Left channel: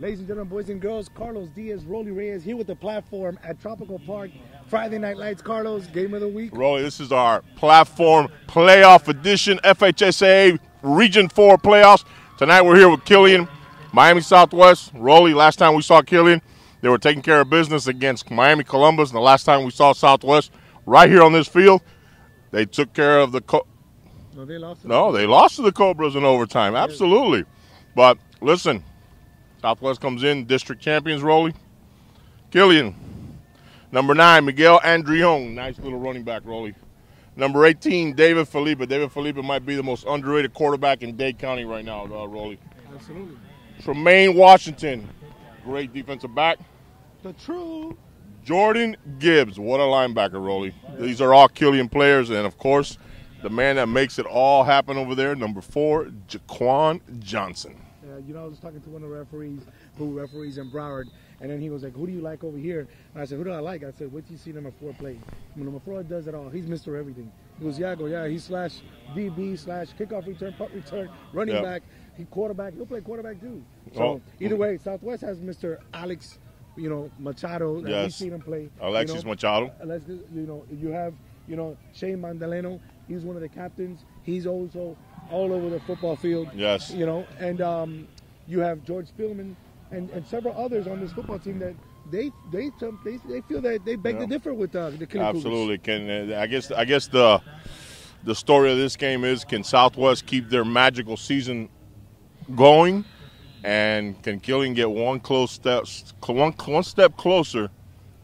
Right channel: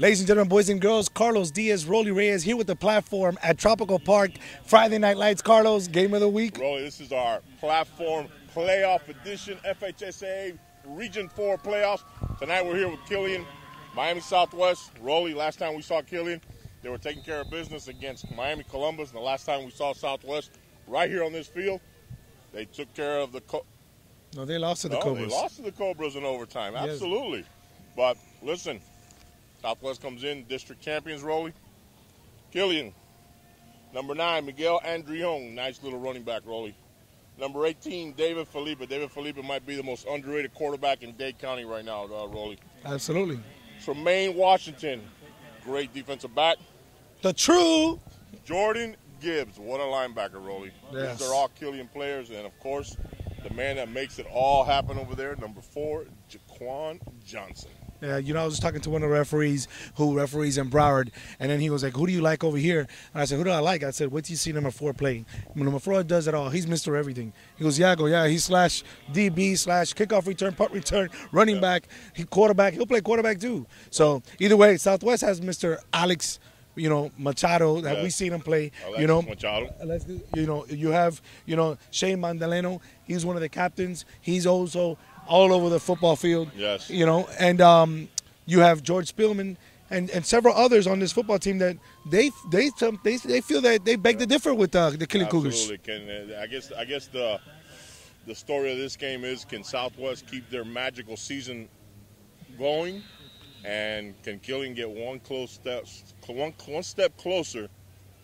Ladies and gentlemen, boys and girls, Carlos Diaz, Rolly Reyes here with the platform at Tropical Park. Friday Night Lights, Carlos, game of the week. Rolly, this is our platform playoff edition, FHSAA Region 4 playoffs. Tonight we're here with Killian, Miami Southwest. Rolly, last time we saw Killian, they were taking care of business against Miami Columbus. And the last time we saw Southwest, right here on this field, they took care of the No, they lost to the Cobras. they lost to the Cobras in overtime, absolutely. But listen, Southwest comes in, district champions, Rolly. Killian. Number 9, Miguel Andrion. Nice little running back, Rolly. Number 18, David Felipe. David Felipe might be the most underrated quarterback in Dade County right now, Rolly. Absolutely. Tremaine Washington. Great defensive back. The true Jordan Gibbs. What a linebacker, Rolly. Yes. These are all Killian players. And, of course, the man that makes it all happen over there, number 4, Jaquan Johnson. Yeah, you know, I was talking to one of the referees who referees in Broward, and then he was like, who do you like over here? And I said, who do I like? I said, what do you see number 4 play? Number 4 does it all. He's Mr. Everything. He goes, yeah, I go, yeah, he's slash DB, slash kickoff return, punt return, running back, he quarterback. He'll play quarterback too. So either way, Southwest has Mr. Alex, you know, Machado, that we've seen him play. Alexis Machado. You know, you have, you know, Shane Mandaleno. He's one of the captains. He's also all over the football field. Yes. You know, and you have George Spielman and several others on this football team that they feel that they beg to differ with the Kiliian Cougars. Absolutely. I guess the story of this game is, can Southwest keep their magical season going, and can Killian get one step closer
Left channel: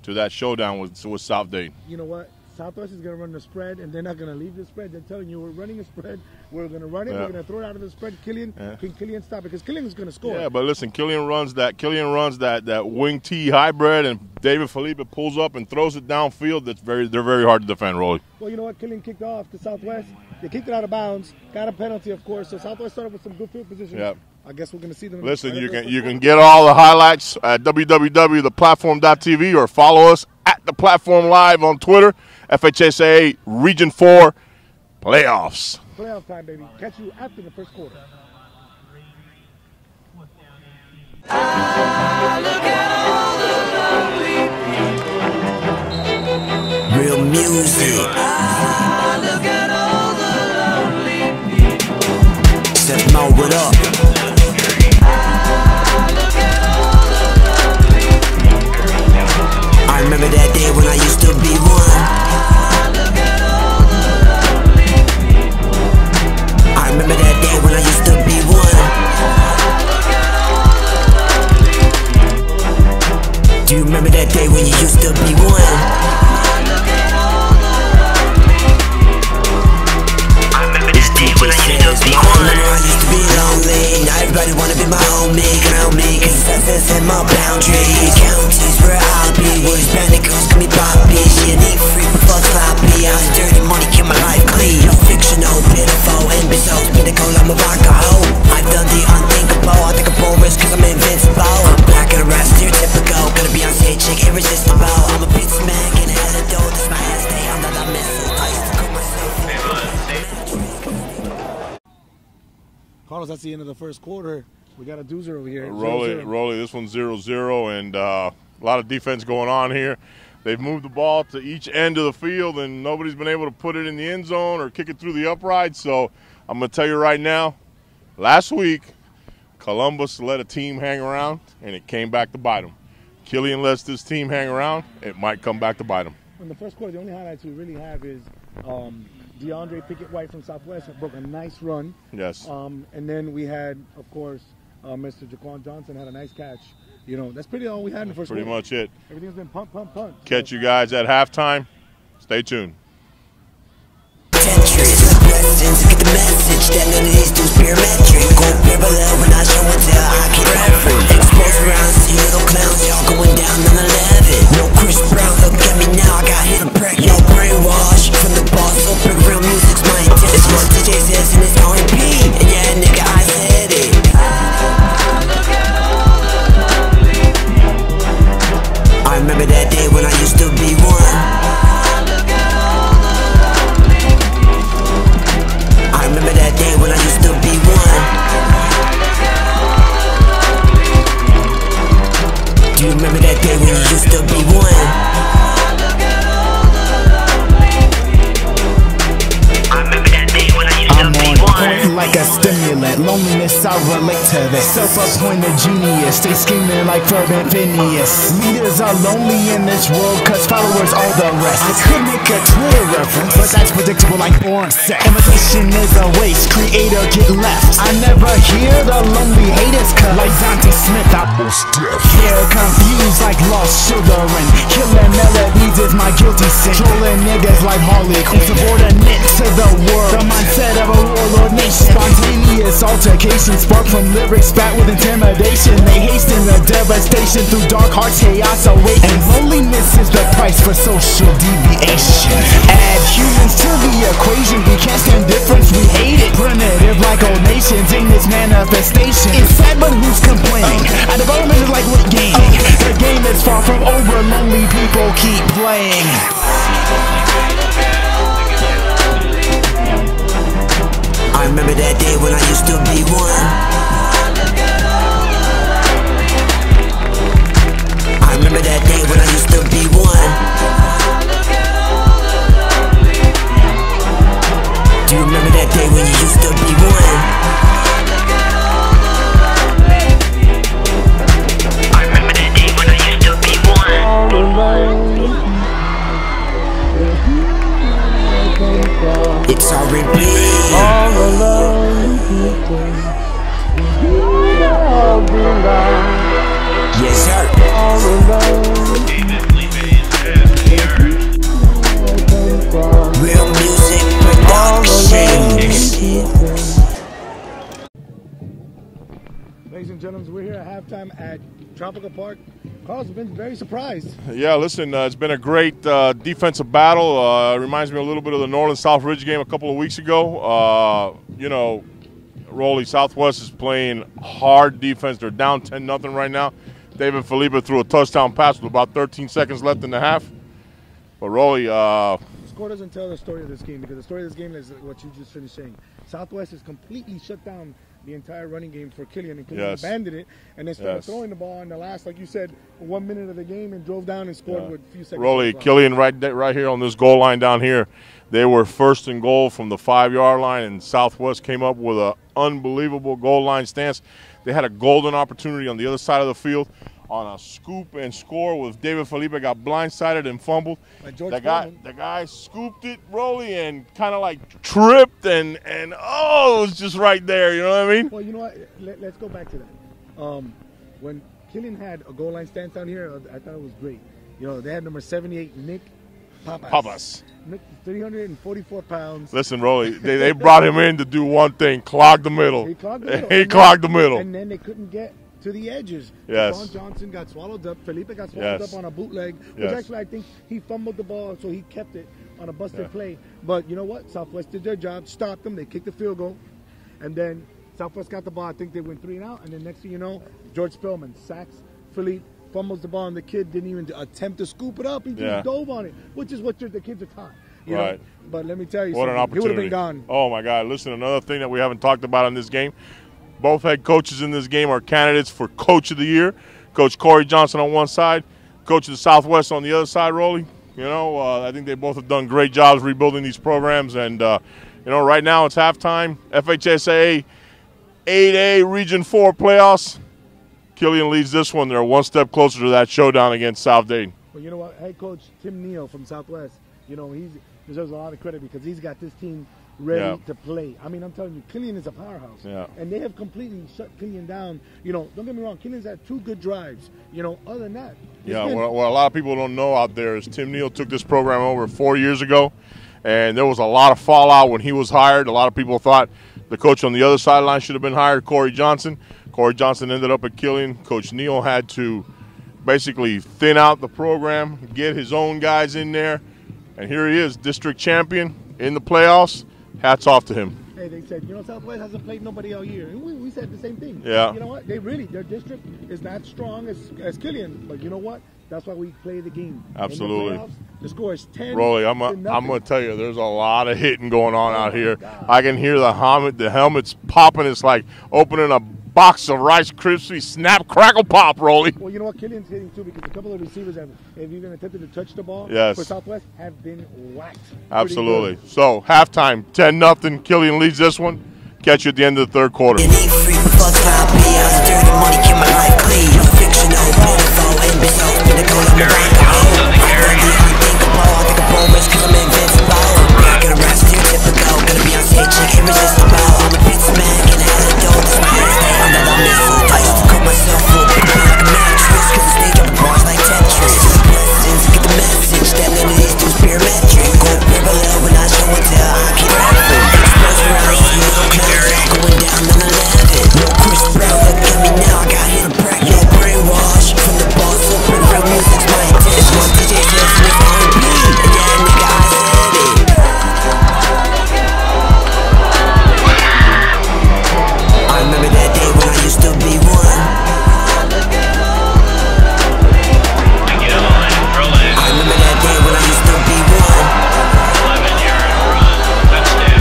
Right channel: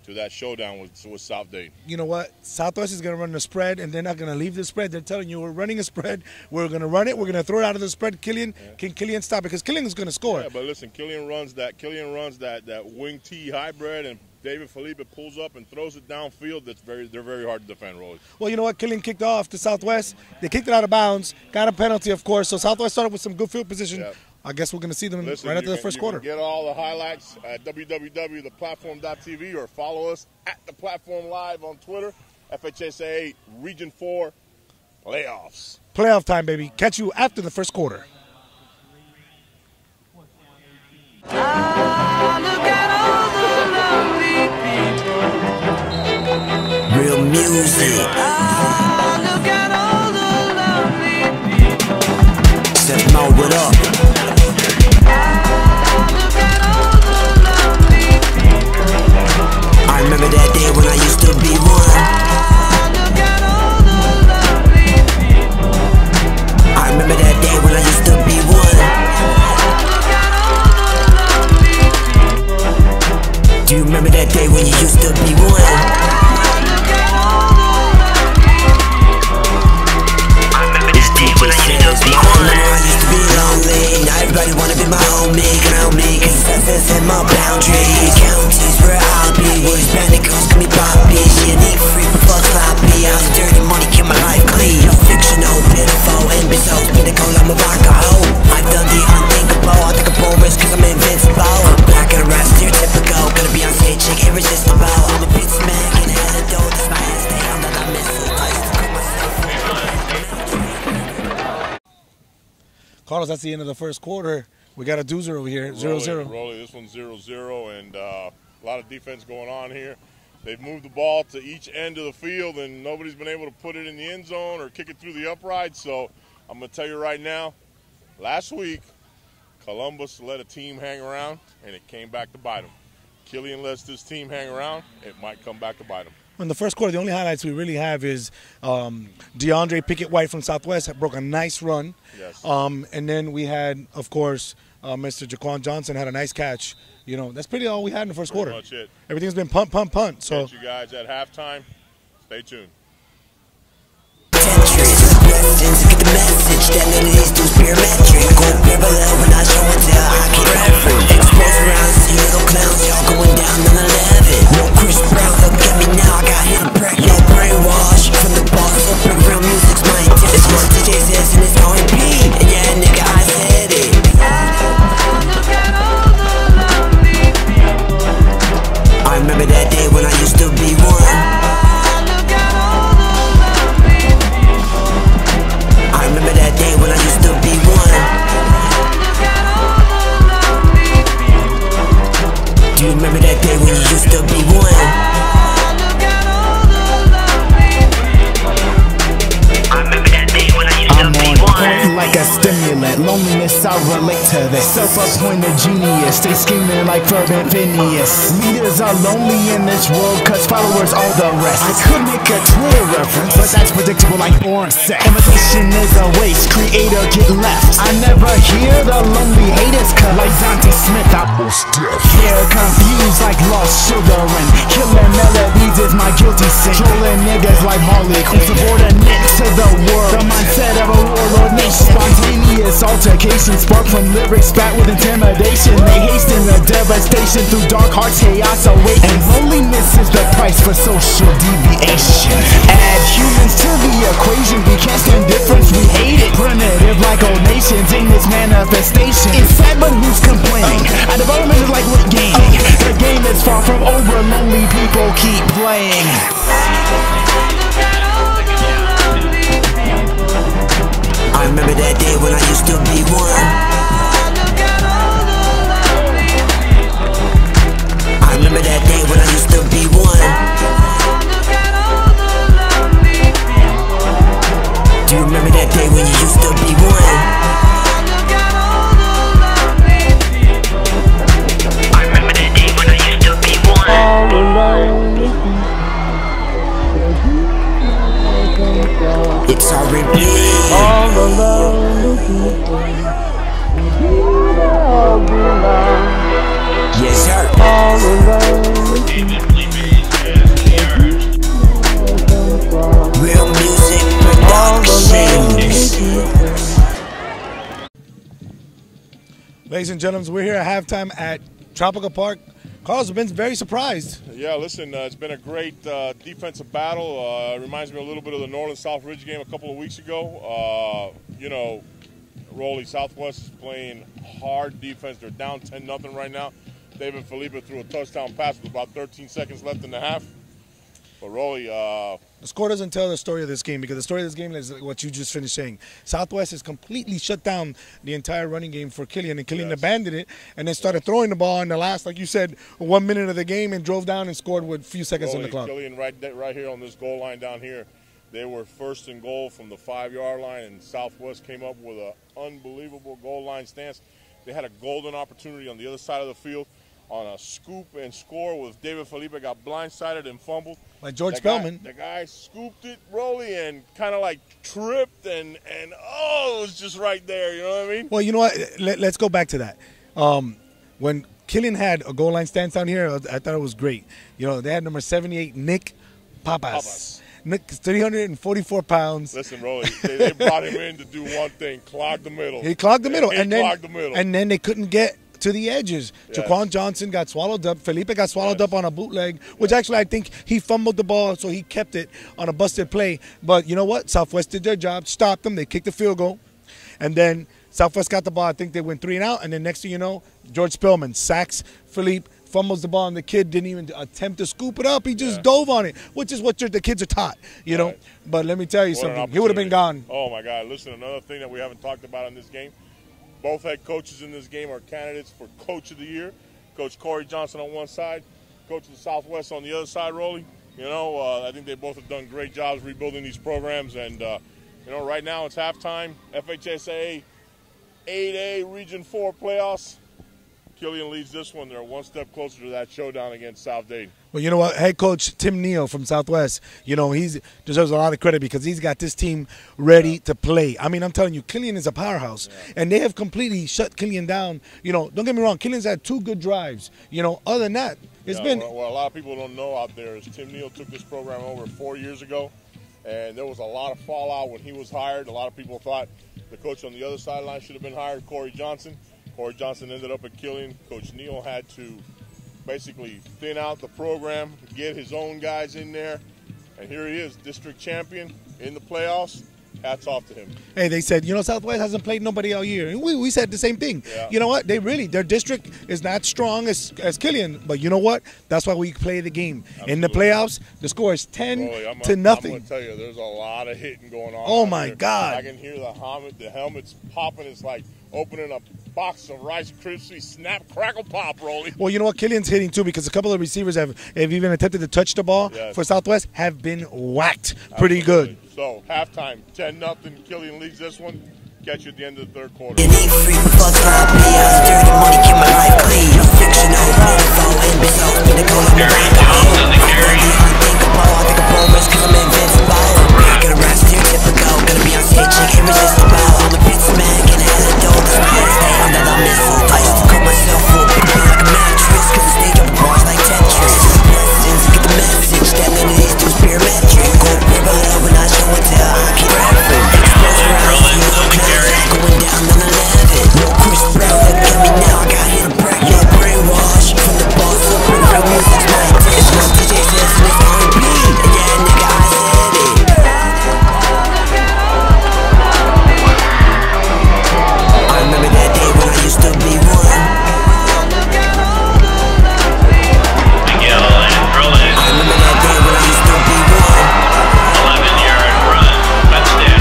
to that showdown with South Dade? You know what? Southwest is going to run the spread, and they're not going to leave the spread. They're telling you, we're running a spread. We're going to run it. We're going to throw it out of the spread. Killian, can Killian stop it? Because Killian is going to score. Yeah, but listen, Killian runs that wing T hybrid, and David Felipe pulls up and throws it downfield. They're very hard to defend, Rolly. Well, you know what? Killian kicked off to Southwest. They kicked it out of bounds, got a penalty, of course. So Southwest started with some good field position. Yep. I guess we're going to see them. Listen, right you can get all the highlights at www.theplatform.tv or follow us at The Platform Live on Twitter. FHSAA Region 4 playoffs. Playoff time, baby. Catch you after the first quarter. Real music. Step Mo, what up? I remember that day when I used to be one. I remember that day when I used to be one. Do you remember that day when you used to be one? When I used to be lonely, now everybody wanna be my homie, crown me, cause success in my boundaries. Counties where I'll be, where these bandit girls call me Poppy. She a neat freak, but fuck sloppy. I was dirty money, keep my life clean. No fictional, pitiful, and results, pinnacle, I'm a vodka hoe. I've done the unthinkable, I think I'm porous cause I'm invincible. I'm black and a rap, stereotypical, gonna be on stage, chick, irresistible. I'm a pizza man, can head a dough, that's my ass, stay under the missile. I used to call myself Carlos, that's the end of the first quarter. We got a doozer over here, 0-0. Rolly, this one's 0-0, and a lot of defense going on here. They've moved the ball to each end of the field, and nobody's been able to put it in the end zone or kick it through the upright. So I'm going to tell you right now, last week, Columbus let a team hang around, and it came back to bite them. Killian lets this team hang around, it might come back to bite them. In the first quarter, the only highlights we really have is DeAndre Pickett-White from Southwest broke a nice run. Yes. And then we had, of course, Mr. Jaquan Johnson had a nice catch. You know, that's pretty all we had in the first quarter. Pretty much it. Everything's been punt, punt, punt. So. Catch you guys at halftime. Stay tuned. Tetris, blessings, get the message that none of these dudes parametric. Go parallel when I show and tell, I get reference. Exposed around, see little clowns, y'all going down on 11. No Chris Brown, look at me now, I got hit and preg. No brainwash, from the boss, so big real music's my intent. It's what DJ says and it's R&B, and yeah, nigga, I said it. I remember that day when I used to be one. I remember that day when I used to be one. Do you remember that day when you used to be one? I remember that day when I used to be one. Point like a stimulant, loneliness I relate to this. Self-appointed genius, stay scheming like fervent Phineas. Leaders are lonely in this world, cause followers are the rest. I could make a Twitter reference, but that's predictable like born sex. Imitation is a waste, creator get left. I never hear the lonely haters cut like Dante Smith, I was deaf. Hair confused like lost children. Killing melodies is my guilty sin. Trolling niggas like Harley Quinn. Insubordinate to the world, the mindset of a warlord nation. Spontaneous altercation spark from lyrics spat with intimidation. They hasten the devastation through dark hearts, chaos awaken. And loneliness is the price for social deviation. Add humans to the equation, we can't stand difference, we hate it. Primitive like old nations in this manifestation. It's sad but who's complaining? Our development is like what gaming. The game is far from over, lonely people keep playing. I remember that day when I used to be one. I remember that day when I used to be one. Do you remember that day when you used to be one? I remember that day when I used to be one. It's R&B. Yes, sir. Real music productions. Ladies and gentlemen, we're here at halftime at Tropical Park. Carlos, I've been very surprised. Yeah, listen, it's been a great defensive battle. Reminds me a little bit of the Norland-South Ridge game a couple of weeks ago. You know, Rolly, Southwest is playing hard defense. They're down 10-0 right now. David Felipe threw a touchdown pass with about 13 seconds left in the half. But Rolly, the score doesn't tell the story of this game, because the story of this game is what you just finished saying. Southwest has completely shut down the entire running game for Killian, and Killian abandoned it and then started throwing the ball in the last, like you said, 1 minute of the game and drove down and scored with a few seconds Rolly, on the clock. Killian right here on this goal line down here. They were first and goal from the 5-yard line, and Southwest came up with an unbelievable goal line stance. They had a golden opportunity on the other side of the field on a scoop and score with David Felipe got blindsided and fumbled. Like George Spellman. The guy scooped it, Rolly, and kind of like tripped, and oh, it was just right there. You know what I mean? Well, you know what? Let's go back to that. When Killian had a goal line stance down here, I thought it was great. You know, they had number 78, Nick Papas. Nick's 344 pounds. Listen, Rolly, they brought him in to do one thing, clog the middle. He clogged the middle. He clogged the middle. And then they couldn't get to the edges. Yes. Jaquan Johnson got swallowed up. Felipe got swallowed up on a bootleg, which actually I think he fumbled the ball, so he kept it on a busted play. But you know what? Southwest did their job, stopped them. They kicked the field goal. And then Southwest got the ball. I think they went 3 and out. And then next thing you know, George Spellman sacks Felipe, fumbles the ball, and the kid didn't even attempt to scoop it up. He just dove on it, which is what the kids are taught, you know. But let me tell you something. He would have been gone. Oh, my God. Listen, another thing that we haven't talked about in this game, both head coaches in this game are candidates for Coach of the Year. Coach Corey Johnson on one side, Coach of the Southwest on the other side, Rolly. You know, I think they both have done great jobs rebuilding these programs. And, you know, right now it's halftime. FHSAA 8A Region 4 playoffs. Killian leads this one. They're one step closer to that showdown against South Dayton. But you know what? Head coach Tim Neal from Southwest, you know, he deserves a lot of credit because he's got this team ready to play. I mean, I'm telling you, Kiliian is a powerhouse. Yeah. And they have completely shut Kiliian down. You know, don't get me wrong, Kiliian's had 2 good drives. You know, other than that, it's been. What a lot of people don't know out there is Tim Neal took this program over 4 years ago, and there was a lot of fallout when he was hired. A lot of people thought the coach on the other sideline should have been hired, Corey Johnson. Corey Johnson ended up at Killian. Coach Neal had to basically thin out the program, get his own guys in there, and here he is, district champion in the playoffs. Hats off to him. Hey, they said, you know, Southwest hasn't played nobody all year. And we said the same thing. Yeah. You know what? Their district is not strong as Killian. But you know what? That's why we play the game. Absolutely. In the playoffs, the score is 10 Rolly, to nothing. I'm going to tell you, there's a lot of hitting going on Oh, out my here. God. I can hear the helmets popping. It's like opening a box of Rice Krispies, snap, crackle, pop, Rolly. Well, you know what? Killian's hitting too because a couple of receivers have even attempted to touch the ball for Southwest have been whacked pretty good. So, halftime, 10-0. Killian leads this one. Catch you at the end of the third quarter. You need free fuck sloppy. I was dirty money, keep my life clean. No fictional, beautiful, and so pinnacle, I'm a rock. I done the unthinkable. I think I'm progress cause I'm invincible. Not gonna rap stereotypical. Gonna be on stage like irresistible. I'm a pizza man, can I have a dough? That's my head stay on that I'm missing. I used to cut myself up, pick me like a mattress. Cause I stay dropping bars like Tetris. Still blessings, get the message. That none of these dudes parametric. Go parallel when I show and tell. I keep rapping. Exposure, I see no clear. Going down on 11. No Chris Brown, look at me now. I got hit a break. No brainwash from the boss up and real music's my intention. One DJ says it's R&B, and yeah, nigga, I said it. I remember that day when I used to be one. I remember that day when I used to be one. 11-yard run, Winston.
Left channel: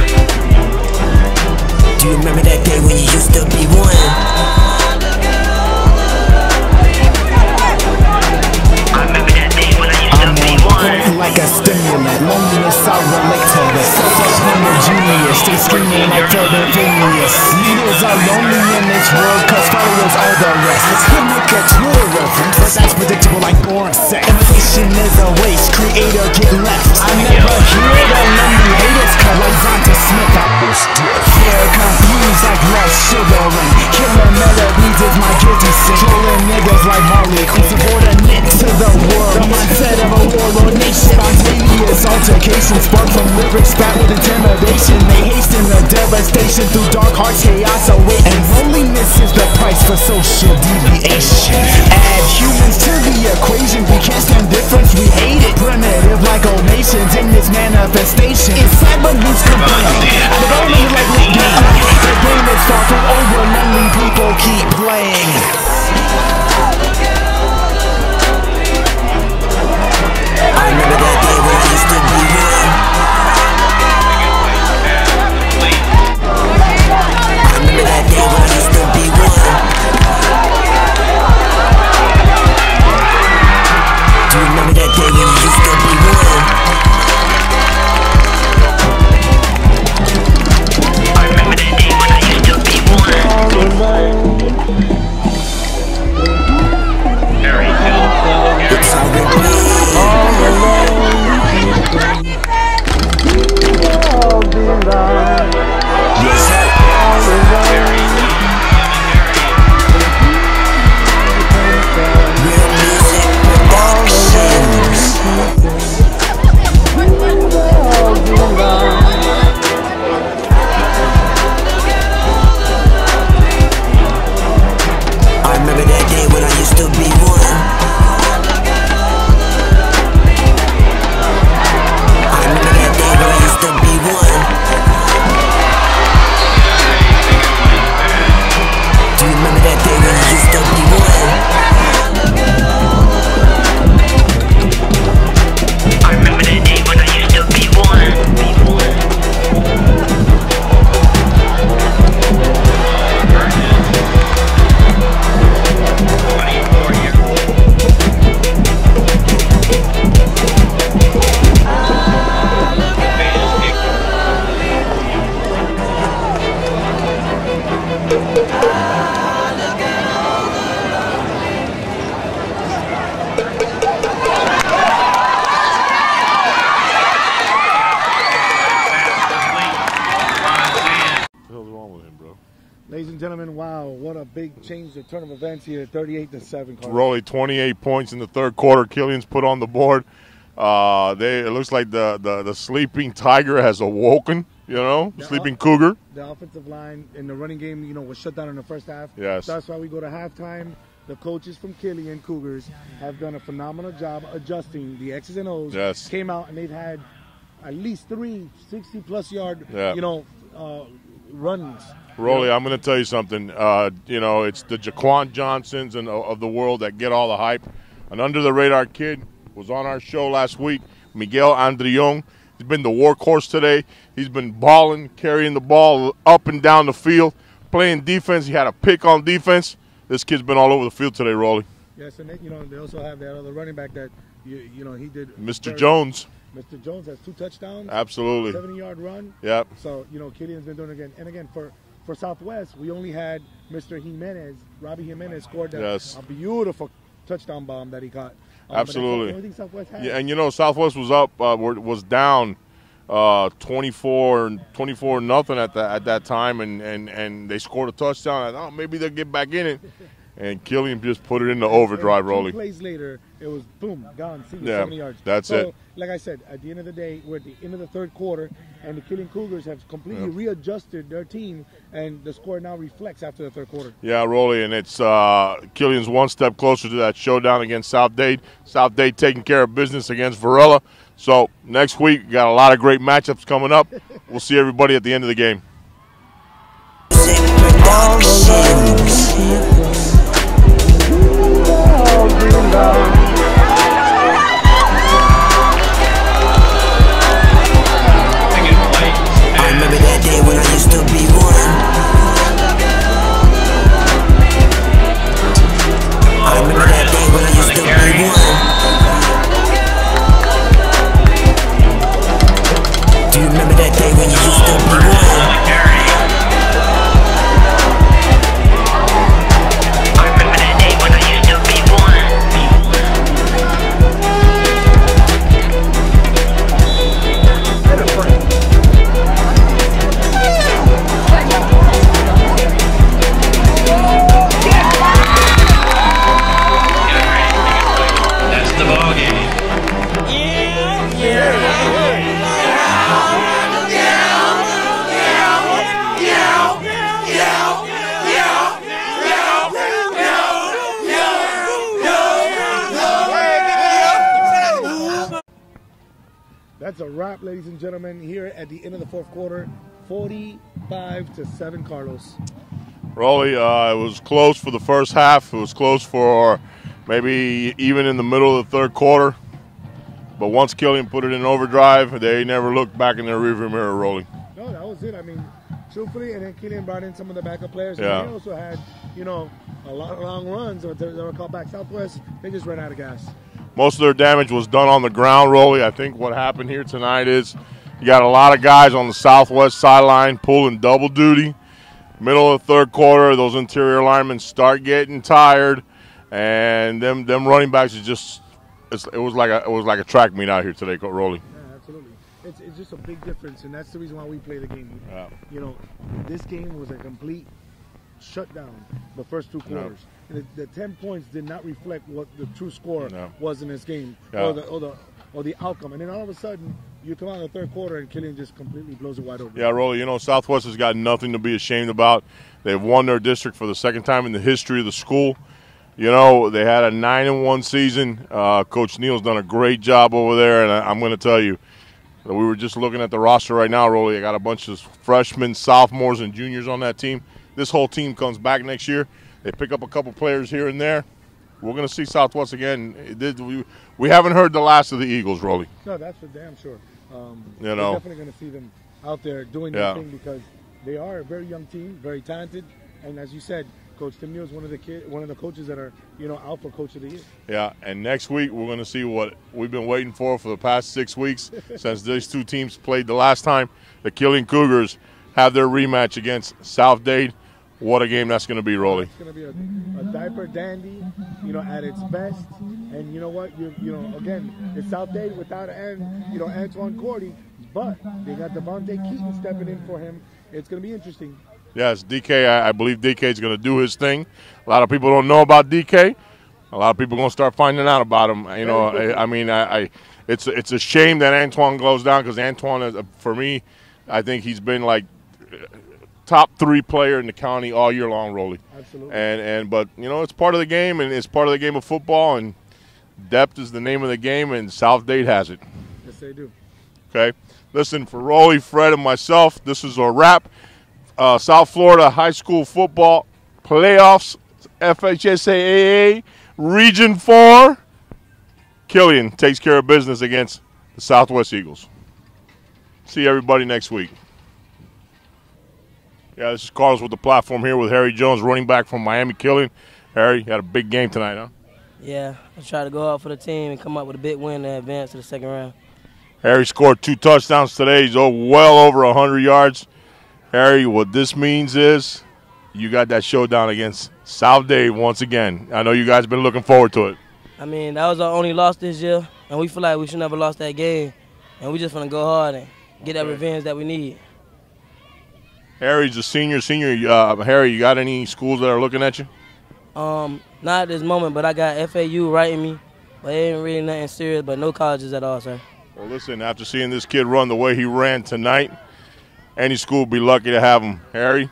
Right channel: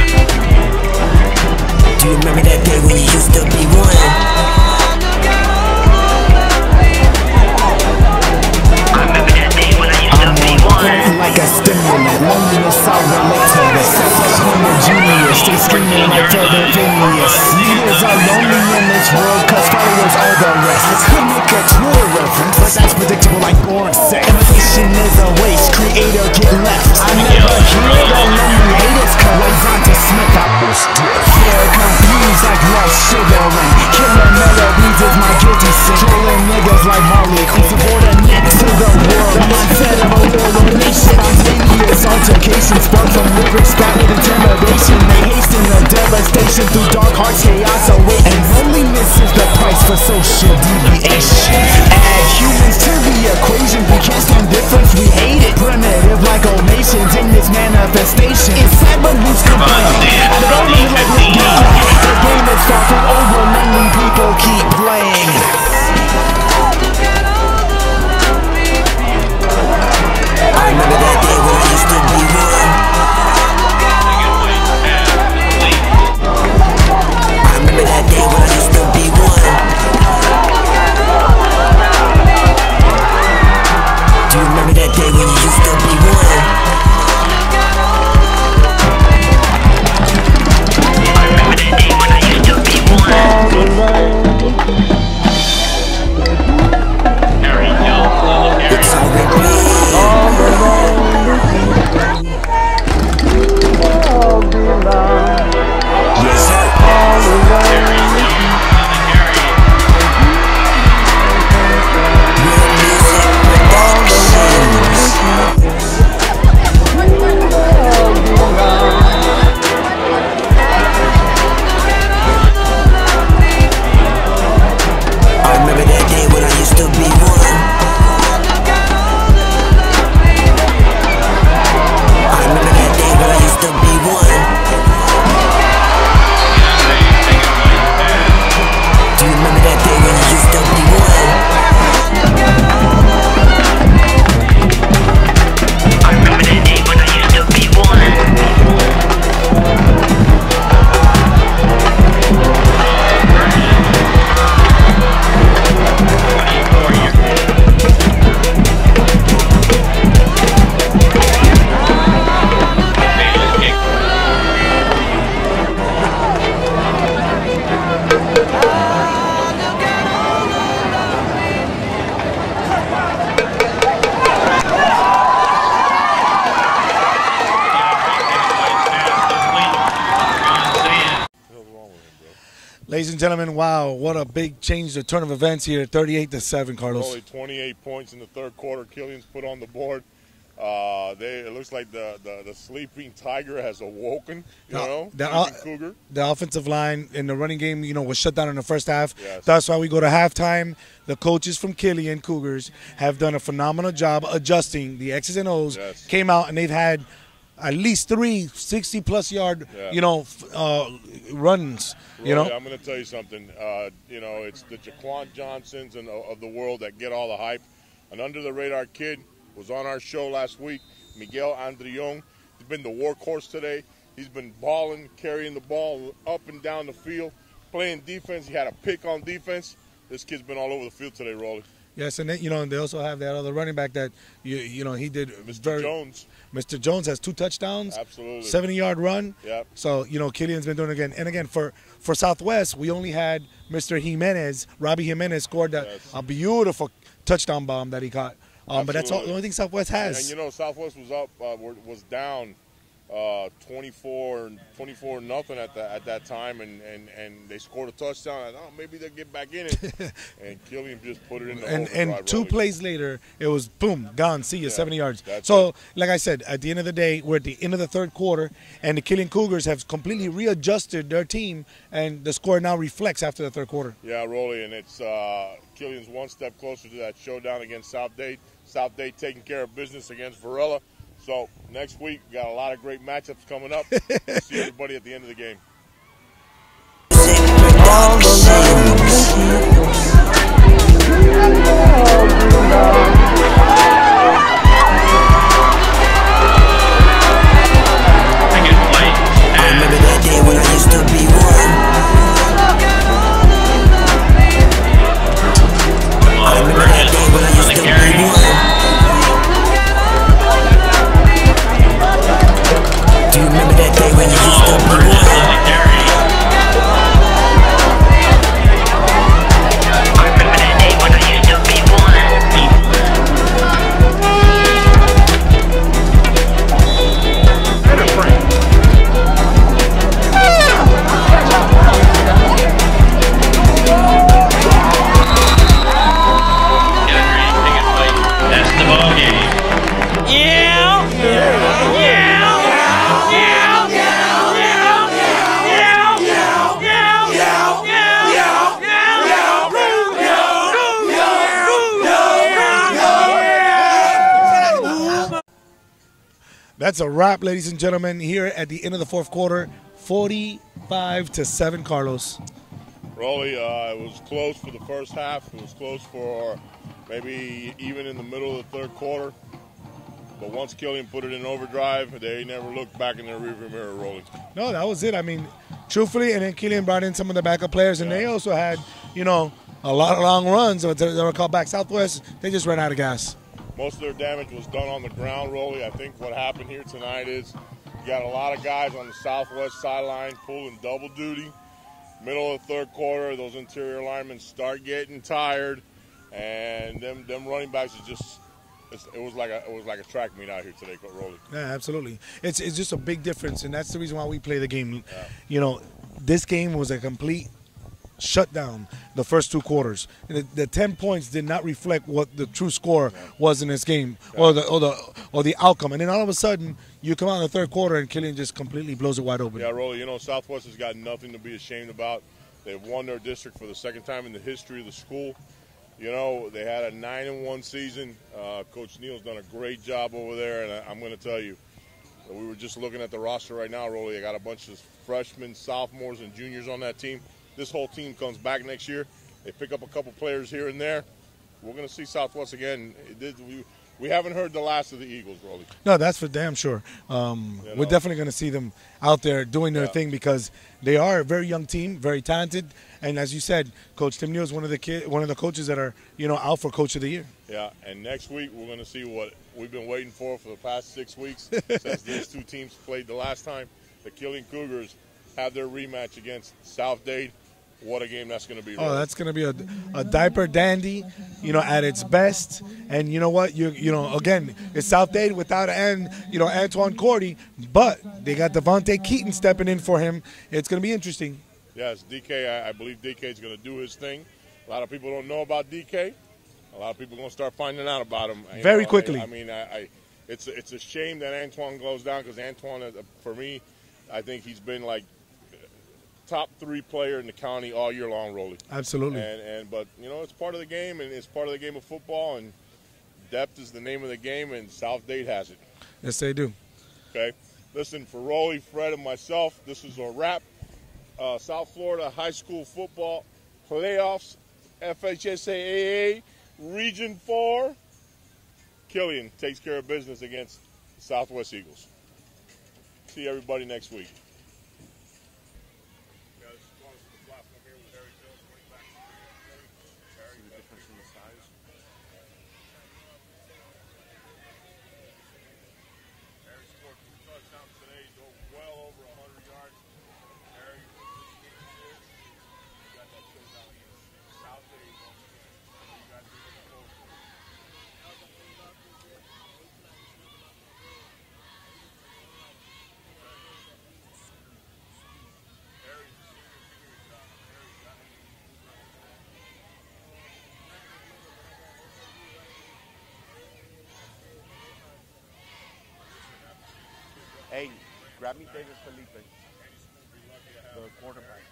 Do you remember that day when you used to be one? I remember that day when I used to be one. Like a stimulant, loneliness I relate to this. Self-appointed genius, they screaming like fervent Phineas. Leaders are lonely in this world, cause followers are the rest. I could make a Twitter reference, but that's predictable like boring sex. Imitation is a waste, creator get left. I never hear the lonely haters collect onto Smith. I was they're confused like lost sugaring. Killer melodies is my guilty sin. Trolling niggas like Harley, who subordinate to the world. The mindset of a warlord nation. Spontaneous altercation spark from lyrics spat with intimidation. They hasten the devastation through dark hearts, chaos await. And loneliness is the price for social deviation. Add humans to the equation, we can't stand difference, we hate it. Primitive like old nations in this manifestation. It's sad but who's complaining? I don't know like the game. The game is far from over, lonely people keep playing. I remember that day when I used to be one. I remember that day when I used to be one. Do you remember that day when you used to be one? I remember that day when I used to be one. and gentlemen, wow, what a big change, the turn of events here, 38-7, Carlos. Rolly, 28 points in the third quarter. Killian's put on the board. It looks like the sleeping tiger has awoken, sleeping cougar. The offensive line in the running game, was shut down in the first half. Yes. That's why we go to halftime. The coaches from Kiliian Cougars have done a phenomenal job adjusting the X's and O's. Yes. Came out and they've had at least 3 60-plus yard, runs. Rolly, I'm going to tell you something. It's the Jaquan Johnsons of the world that get all the hype. An under-the-radar kid was on our show last week, Miguel Andrion. He's been the workhorse today. He's been balling, carrying the ball up and down the field, playing defense. He had a pick on defense. This kid's been all over the field today, Rolly. Yes, and then, they also have that other running back that, he did. Mr. Jones. Mr. Jones has 2 touchdowns. Absolutely. 70-yard run. Yep. So, Killian's been doing it again. And again, for Southwest, we only had Mr. Jimenez. Robbie Jimenez scored a beautiful touchdown bomb that he caught. But that's the only thing Southwest has. And, Southwest was up, was down 24-0 at that time, and they scored a touchdown. I thought maybe they'll get back in it, and Killian just put it into overdrive. And 2 plays later, it was boom, gone. See you, 70 yards. That's so, it. like I said, at the end of the day, we're at the end of the third quarter, and the Kiliian Cougars have completely readjusted their team, and the score now reflects after the third quarter. Yeah, Rolly, and it's Killian's one step closer to that showdown against South Dade. South Dade taking care of business against Varela. So next week, got a lot of great matchups coming up. We'll see everybody at the end of the game. I remember that day when I used to be one. I remember that day when I used to be one. Do you remember that day when you used to be one? I remember that day when I used to be one. That's the ball game. That's a wrap, ladies and gentlemen, here at the end of the fourth quarter, 45-7, Carlos. Rolly, it was close for the first half. It was close for maybe even in the middle of the third quarter. But once Killian put it in overdrive, they never looked back in their rearview mirror, Rolly. No, that was it. I mean, truthfully, and then Killian brought in some of the backup players, and they also had, a lot of long runs that were called back. Southwest, they just ran out of gas. Most of their damage was done on the ground, Rolly. I think what happened here tonight is you got a lot of guys on the Southwest sideline pulling double duty. Middle of the third quarter, those interior linemen start getting tired, and them running backs is just it was like a track meet out here today, Rolly. Yeah, absolutely. It's just a big difference, and that's the reason why we play the game. Yeah. This game was a complete shut down the first 2 quarters. The 10 points did not reflect what the true score was in this game, or the outcome. And then all of a sudden, you come out in the third quarter and Kiliian just completely blows it wide open. Yeah, Rolly, Southwest has got nothing to be ashamed about. They've won their district for the second time in the history of the school. They had a 9-1 season. Coach Neal's done a great job over there, and I'm going to tell you, we were just looking at the roster right now, Rolly. I got a bunch of freshmen, sophomores, and juniors on that team. This whole team comes back next year. They pick up a couple players here and there. We're going to see Southwest again. We haven't heard the last of the Eagles, Rolly. No, that's for damn sure. We're definitely going to see them out there doing their thing, because they are a very young team, very talented. And as you said, Coach Tim Neal is one of the coaches that are, out for Coach of the Year. Yeah, and next week we're going to see what we've been waiting for the past 6 weeks since these two teams played the last time. The Kiliian Cougars have their rematch against South Dade. What a game that's going to be, Rolly. That's going to be a diaper dandy, at its best. And you know what? Again, it's South Dade without Antoine Cordy, but they got Devontae Keaton stepping in for him. It's going to be interesting. Yes, DK, I believe DK is going to do his thing. A lot of people don't know about DK. A lot of people are going to start finding out about him. Very quickly. I mean, it's a shame that Antoine goes down because Antoine, is, for me, I think he's been like top 3 player in the county all year long, Rolly. Absolutely. But it's part of the game, and it's part of the game of football, and depth is the name of the game, and South Dade has it. Yes, they do. Okay. Listen, for Rolly, Fred, and myself, this is a wrap. South Florida high school football playoffs, FHSAA Region 4. Killian takes care of business against the Southwest Eagles. See everybody next week. Yeah, this is Carlos with the platform here with Harry Jones, running back from Miami. Killian. Harry, you had a big game tonight, huh? Yeah, I tried to go out for the team and come up with a big win and advance to the second round. Harry scored 2 touchdowns today. He's well over 100 yards. Harry, what this means is you got that showdown against South Dade once again. I know you guys have been looking forward to it. I mean, that was our only loss this year, and we feel like we should never lost that game. And we just want to go hard and get that revenge that we need. Harry's a senior. Harry, you got any schools that are looking at you? Not at this moment, but I got FAU writing me. But it ain't really nothing serious, but no colleges at all, sir. Well, listen, after seeing this kid run the way he ran tonight, any school would be lucky to have him. Harry,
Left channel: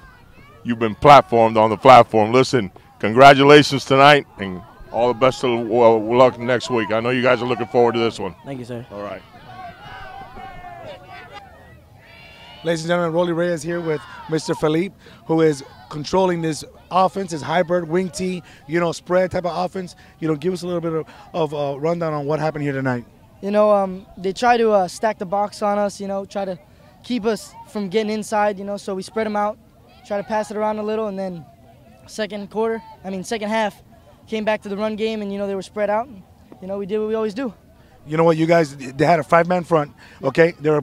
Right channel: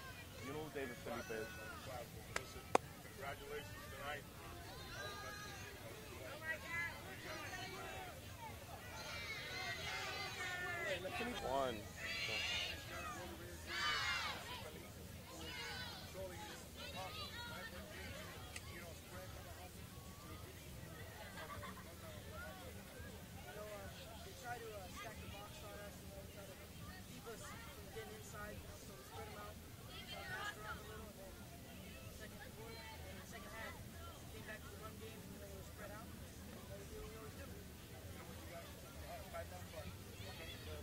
you've been platformed on the platform. Listen, congratulations tonight, and all the best of luck next week. I know you guys are looking forward to this one. Thank you, sir. All right. Ladies and gentlemen, Rolly Reyes here with Mr. Felipe, who is controlling this offense, this hybrid wing T, spread type of offense. Give us a little bit of a rundown on what happened here tonight. They try to stack the box on us, try to keep us from getting inside, so we spread them out, try to pass it around a little, and then second half, came back to the run game, and, they were spread out. And, we did what we always do. You know what, you guys, they had a 5-man front, okay? They're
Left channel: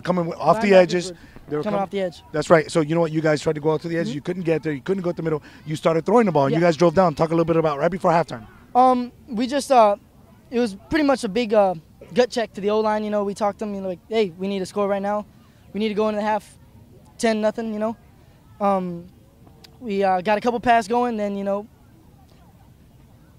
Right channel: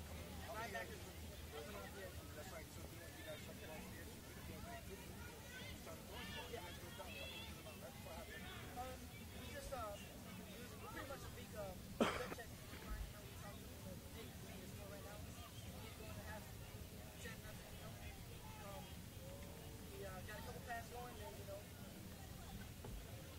coming off the edges. They're coming off the edge. That's right. So you know what, you guys tried to go out to the edge. You couldn't get there. You couldn't go to the middle. You started throwing the ball, and you guys drove down. Talk a little bit about right before halftime. We just, it was pretty much a big gut check to the O-line. We talked to them, like, hey, we need to score right now. We need to go into the half 10-0, We got a couple passes going, then,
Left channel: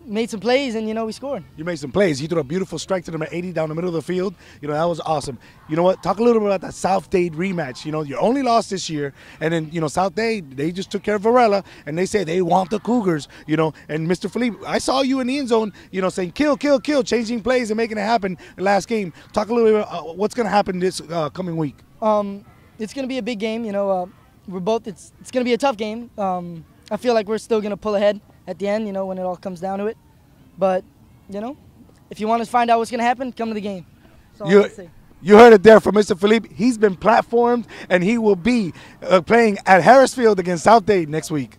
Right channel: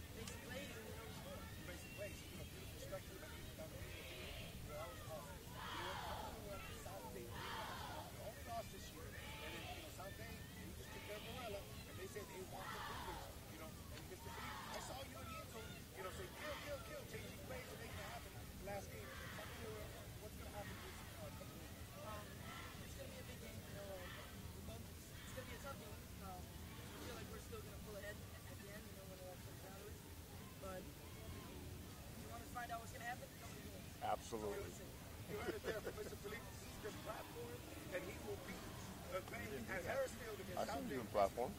made some plays, and, we scored. You made some plays. You threw a beautiful strike to number 80 down the middle of the field. That was awesome. You know what? Talk a little bit about that South Dade rematch. Your only loss this year, and then, South Dade, they just took care of Varela, and they say they want the Cougars, And Mr. Felipe, I saw you in the end zone, saying kill, kill, kill, changing plays and making it happen the last game. Talk a little bit about what's going to happen this coming week. It's going to be a big game. It's going to be a tough game. I feel like we're still going to pull ahead at the end, when it all comes down to it. But, if you want to find out what's going to happen, come to the game. Absolutely. You heard it there from Mr. Felipe. He's been platformed, and he will be playing at Harris Field against South Dade next week.